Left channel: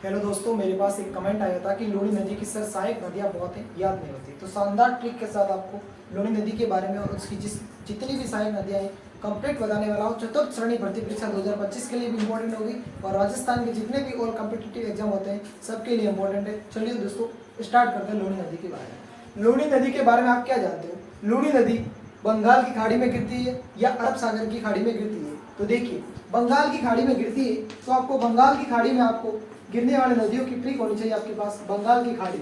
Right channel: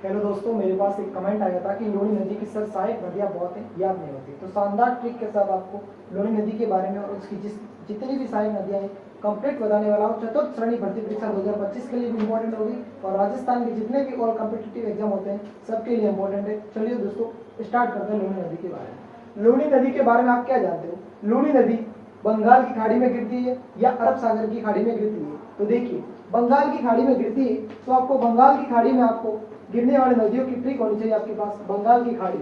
Hello दोस्तों, मेरे पास एक कमेंट आया था कि लूनी नदी की सर सहायक नदियाँ बहुत हैं, याद नहीं होती। तो शानदार ट्रिक के साथ आपको लूनी नदी के बारे में और उसकी जितनी भी सहायक नदियाँ हैं कंप्लीट बताने वाला हूँ। चतुर्थ श्रेणी भर्ती परीक्षा 2025 के लिए भी इम्पोर्टेंट होगी और राजस्थान के जितने भी और कॉम्पिटिटिव एग्जाम होते हैं सबके लिए इम्पोर्टेंट है। चलिए दोस्तों, स्टार्ट करते हैं लूनी नदी के बारे में। लूनी नदी के बारे में आप क्या जानते हो? लूनी नदी बंगाल की खाड़ी में गिरती है या अरब सागर की खाड़ी में गिरती है? तो देखिए, बंगाल की खाड़ी में गिरती है तो आपको बंगाल की खाड़ी में आपको गिरने वाले नदियों की ट्रिक होनी चाहिए आपके पास। बंगाल की खाड़ी,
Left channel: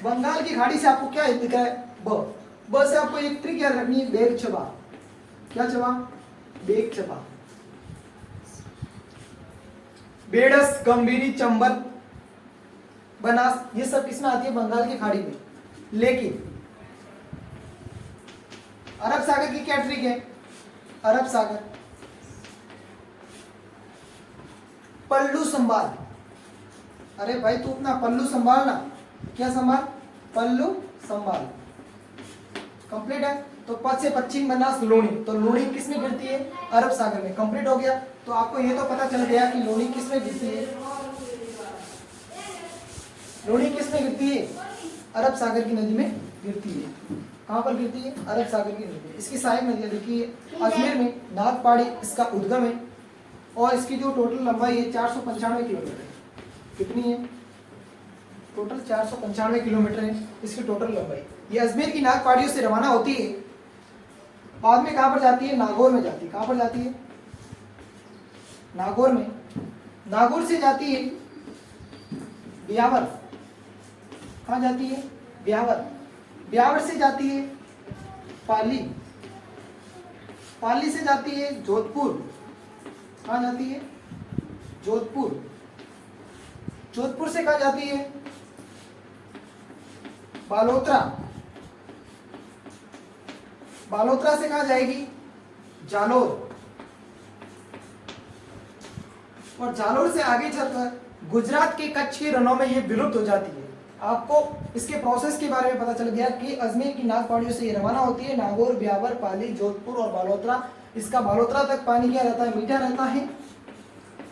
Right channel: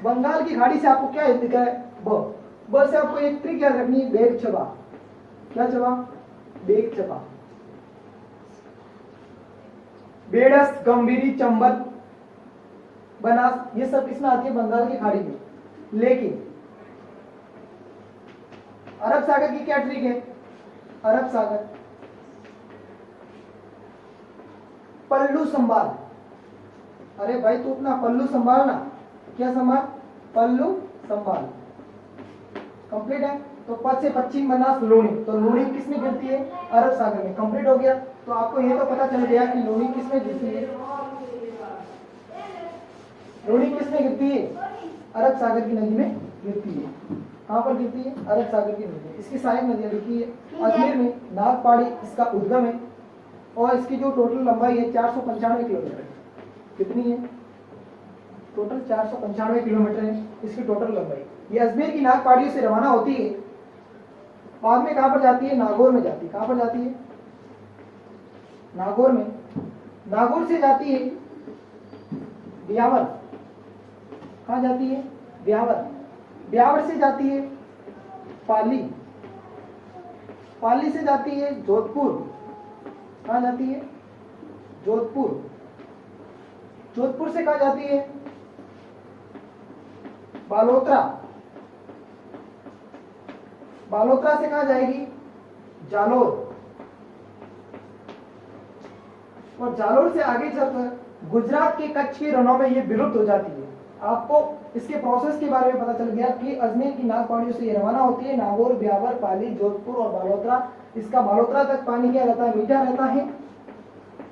बंगाल की खाड़ी से आपको क्या दिख रहा है? ब से आपको एक ट्रिक याद रखनी है, बेग छबा। क्या छबा? बेग छबा। बेड़स, गंभीरी, चंबल, बनास, ये सब किसमें आती है? बंगाल की खाड़ी में। लेकिन अरब सागर की क्या ट्रिक है? अरब सागर पल्लू संभाल। अरे भाई तू अपना पल्लू संभाल ना। क्या संभाल? पल्लू संभाल। कंप्लीट है। तो पद से पश्चिम बनास लूनी, तो लूनी किस में गिरती है? अरब सागर में। कंप्लीट हो गया। तो आपको ये तो पता चल गया कि लूनी किस में गिरती है। लूनी किस में गिरती है? अरब सागर की नदी में गिरती है। कहाँ पर गिरती है? अरब सागर की नदी में। इसकी सहायक नदियाँ देखिए, अजमेर में नागपाड़ी इसका उद्गम है और इसकी जो टोटल लंबाई है 495 किलोमीटर है। कितनी है? टोटल 495 किलोमीटर है इसकी टोटल लंबाई। ये अजमेर की नाग पहाड़ियों से रवाना होती है, बाद में कहाँ पर जाती है? नागौर में जाती है। कहाँ पर जाती है? नागौर में। नागौर से जाती है ब्यावर। कहाँ जाती है? ब्यावर। ब्यावर से जाती है पाली। पाली से जाती है जोधपुर। कहाँ जाती है? जोधपुर। जोधपुर से कहाँ जाती है? बालोतरा। बालोतरा से कहाँ जाएगी? जालोर। और जालोर से आगे चलकर गुजरात के कच्छ के रणों में ये विलुप्त हो जाती है। आपको इसके प्रोसेस के बारे में पता चल गया कि अजमेर की नाग पहाड़ियों से ये रवाना होती है। नागौर, ब्यावर, पाली, जोधपुर और बालोतरा। इसका बालोतरा तक पानी क्या रहता है? मीठा रहता है।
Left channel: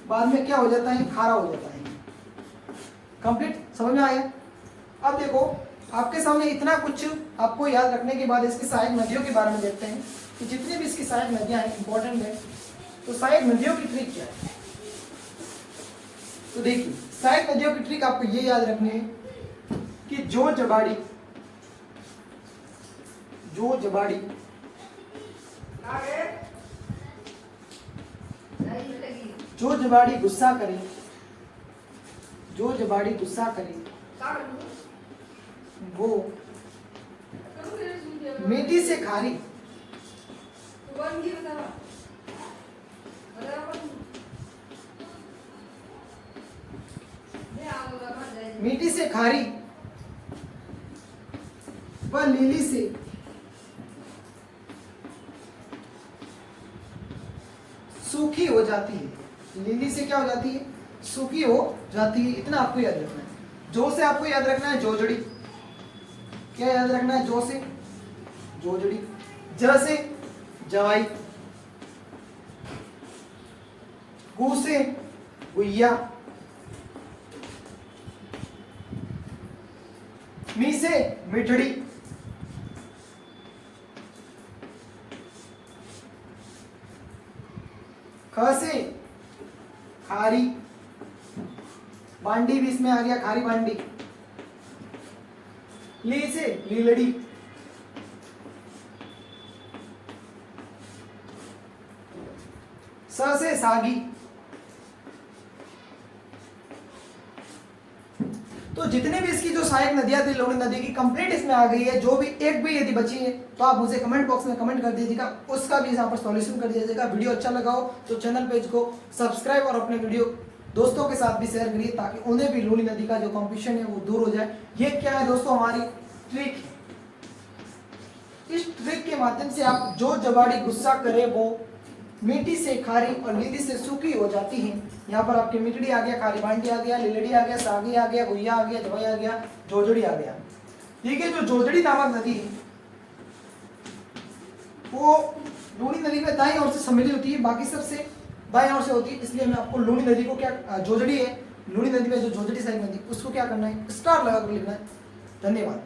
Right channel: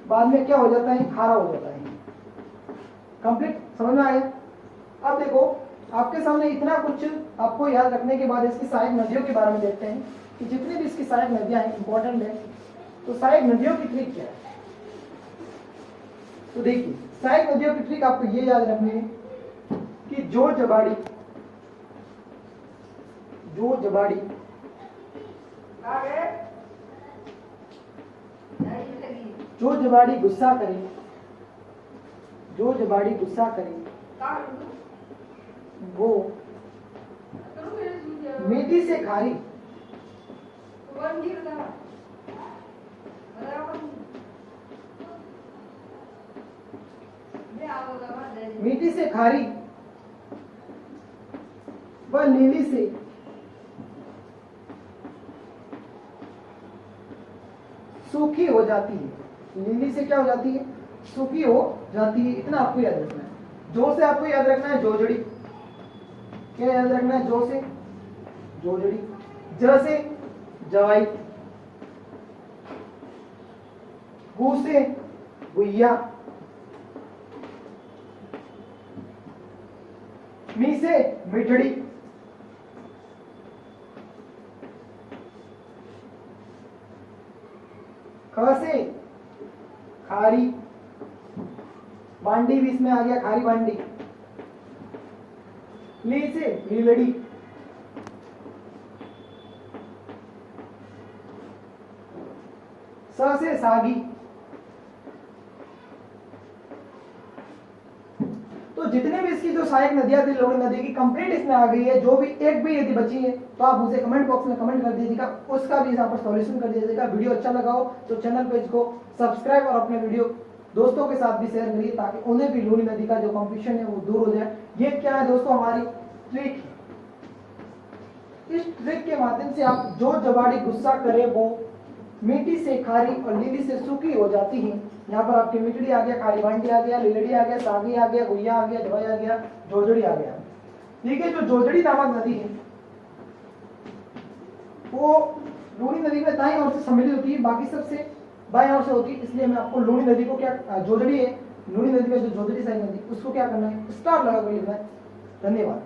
बाद में क्या हो जाता है? खारा हो जाता है। कंप्लीट समझ में आया? अब देखो, आपके सामने इतना कुछ आपको याद रखने के बाद इसकी सहायक नदियों के बारे में देखते हैं कि जितनी भी इसकी सहायक नदियां हैं इंपॉर्टेंट है। तो सहायक नदियों की ट्रिक क्या है? तो देखिए, सहायक नदियों की ट्रिक आपको ये याद रखनी है कि जो जबाड़ी गुस्सा करे, जो जबाड़ी गुस्सा करे वो मीठी से खारी, मीठी से खारी व नीली से सूखी हो जाती है। नीली से क्या हो जाती है? सूखी हो जाती है। इतना आपको याद रखना है। जो से आपको याद रखना है जोजड़ी। क्या याद रखना है? जो से जोजड़ी। ज से जवाई। गु से गुइया। मी से मिठड़ी। ख से खारी। बांडी भी इसमें आ गया, खारी बांडी। ली से लीलड़ी। स से सागी। तो जितने भी इसकी जो सहायक नदियां थी लूनी नदी की कंप्लीट इसमें आ गई है। जो भी एक भी यदि बची है तो आप मुझे कमेंट बॉक्स में कमेंट कर दीजिएगा, उसका भी यहाँ पर सॉल्यूशन कर दीजिएगा। वीडियो अच्छा लगा हो तो चैनल पेज को सब्सक्राइब और अपने वीडियो दोस्तों के साथ भी शेयर करिए ताकि उन्हें भी लूनी नदी का जो कॉम्पिटिशन है वो दूर हो जाए। ये क्या है दोस्तों? हमारी ट्रिक। इस ट्रिक के माध्यम से आप जो जबाड़ी गुस्सा करे वो मीठी से खारी और नीली से सूखी हो जाती है। यहाँ पर आपकी मिठड़ी आ गया, खारी बांटी आ गया, लीलड़ी आ गया, सागी आ गया, गुइया आ गया, जवाई आ गया, जोजड़ी आ गया। ठीक है, जो जोजड़ी नामक नदी है वो लूनी नदी में दाईं ओर से सम्मिलित होती है, बाकी सबसे बाएं ओर से होती है, इसलिए मैं आपको लूनी नदी को क्या जोजड़ी है, लूनी नदी में जो जोजड़ी सहायक नदी उसको क्या करना है, स्टार लगा कर लिखना है। धन्यवाद।